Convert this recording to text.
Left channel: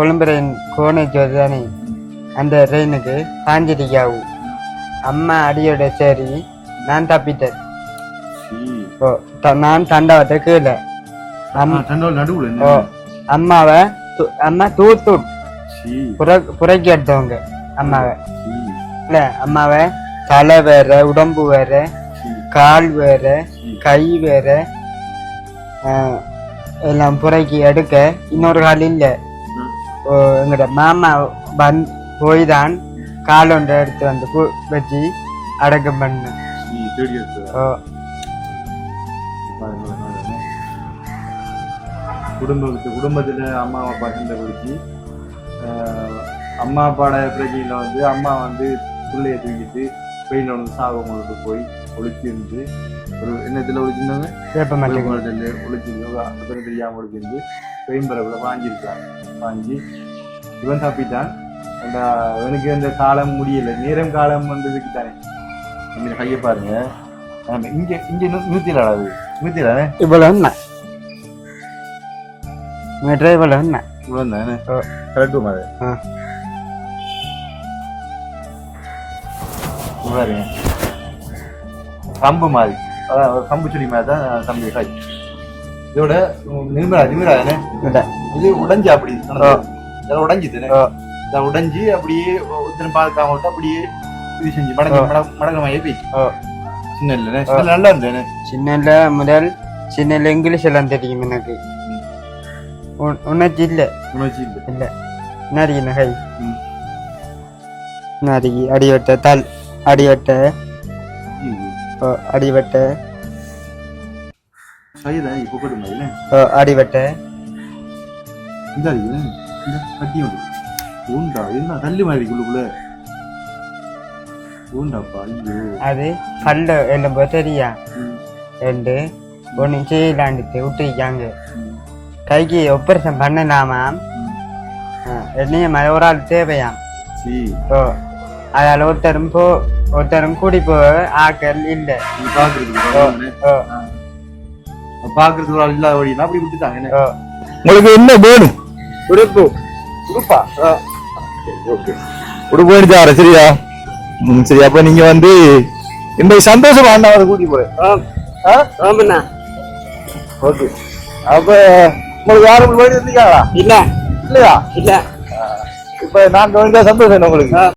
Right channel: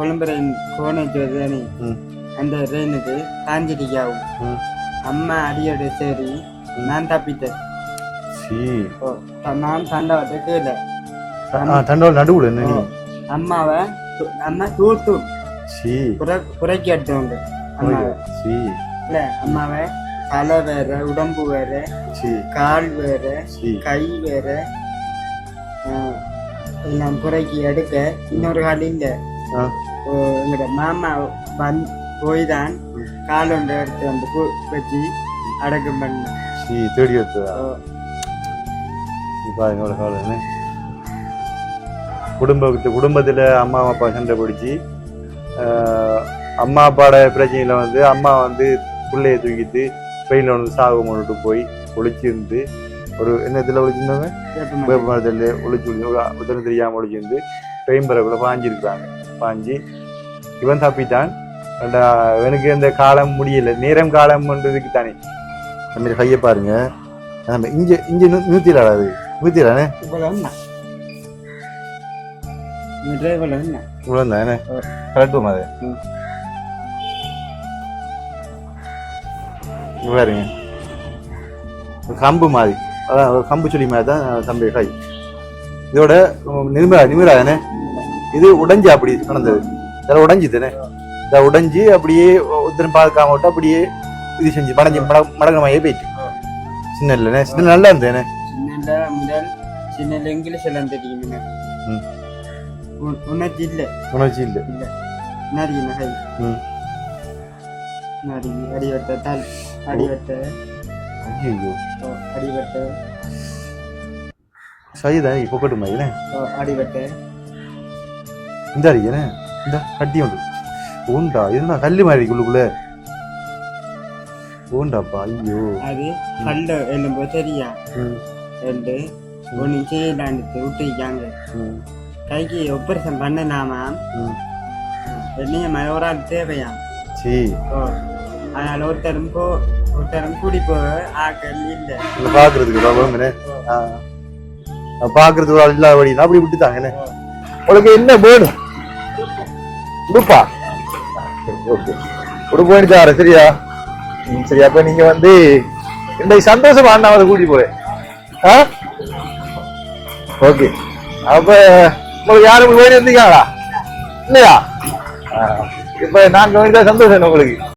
Colombo rain கோணேஜ் தானே ம். அந்த ட்ரெயினுக்கு சாஞ்சிரிக்காவும் ம். அம்மா அடியோட சரி நான் தப்பிட்டேன் நான் தண்டவத்தை கீழே. அம்மாவை அம்மா தூத்து புறக்கி எடுத்தவங்க அம்மாவை. இல்ல அம்மாவை தலை வேற உடம்பு வேற கால் வேற கை வேற எல்லாம் புறக்கி எடுக்க இன்னொரு கால் இல்ல. எங்கட மாமா வந் போய் தான் கால் ஒன்று எடுத்து வந்து வச்சு அடக்கம் பண்ண தேடி காலம் குடும்பத்து குடும்பத்துல அம்மா அப்பா சண்டை பிடிச்சி அம்மா அப்பாவோட பிரச்சனையில வந்து அம்மா வந்து பிள்ளைய தூக்கிட்டு வெயில வந்து சாகு கொண்டுட்டு போய் ஒளிச்சிருந்து ஒரு என்னத்துல ஒளிச்சிருந்தாங்க வேப்பமரம் வேப்பமரத்தில் ஒளிச்சு உதவி தெரியாம ஒளிச்சிருந்து ட்ரெயின் பரப்புல பாஞ்சிருக்காங்க பாஞ்சு இவன் தப்பிட்டான் ஏண்டா, இவனுக்கு இந்த காலம் முடியல நேரம் காலம் பண்றதுக்கு தானே அந்த மாதிரி கையை பாருங்க நம்ம இங்க இங்க நூத்திடா அது நூத்திடா இவ்வளவு என்ன மீட்டர் இவ்வளவு என்ன இவ்வளவு தானே ஆ. கரெக்டும் அது பாருங்க கம்பு மாதிரி அதான் ஒரு கம்பு செடி மாதிரி தான் தம்பி கை இதோட நிமிரா நிமிரா தானே இது உடைஞ்சு அப்படி. இதெல்லாம் உடைஞ்சு தானே. இதை உடைஞ்சு அப்படியே ஒருத்தரும் பார்க்காம விட்டு அப்படியே இது செஞ்சு மடங்கி மடங்கமையே போயிடுச்சு ஆ. சின்ன இல்லைண்ணே சின்ன நல்லா இருந்தேனே சின்னல முதல் சின்னல இங்கிலீஷ் எல்லாம் தெரியும் எனக்கு. உனக்கு இல்ல. உணர்ச்சி இல்லை. இல்ல. நரி நகை. நரி அடிவட்ட தல் அடிவட்ட இப்போ கொண்டு மாதிரி ஓ, அடிவட்ட இந்த அடிக்கண்ணே இந்த கட்டி உண்டு உண்டா இதுதான் கல்லு மாதிரி உள்ளுக்குள்ள? உண்டாப்பா ஐயோ அது பல்ல எலும்பு தெரியா ரெண்டு. ஒன்று செய்யலான்ட்டு விட்டுருக்காங்க. கைக்கு ஆப்ரேஷன் பண்ணலாமா? ம். என்னைய மாதிரி ஒரு ஆள் தேவையாம் சீ. ஓ. அதால ஒருத்தரும் போ ஒருத்தரும் கூடி போ ஆக்கள் இல்லை பாக்குறதுக்கு ஒரு ஆள் இல்லாதபடி அப்படி விட்டுட்டாங்கண்ணே ஓ உங்களுக்கு என்ன வேணும் உடுப்பு உடுப்பா ஓகே உடுப்பு எடுத்தார சரியா ம் சரி அப்ப நீங்க வந்து இந்த சந்தோஷம் அண்ணாவை கூட்டி போறேன் ஓகே அப்ப உங்களுக்கு யாரும் போயிட்டு இருந்தீங்களா இல்ல இல்லையா இல்ல இப்ப நாங்க வந்து சந்தோஷம் உங்களுக்கு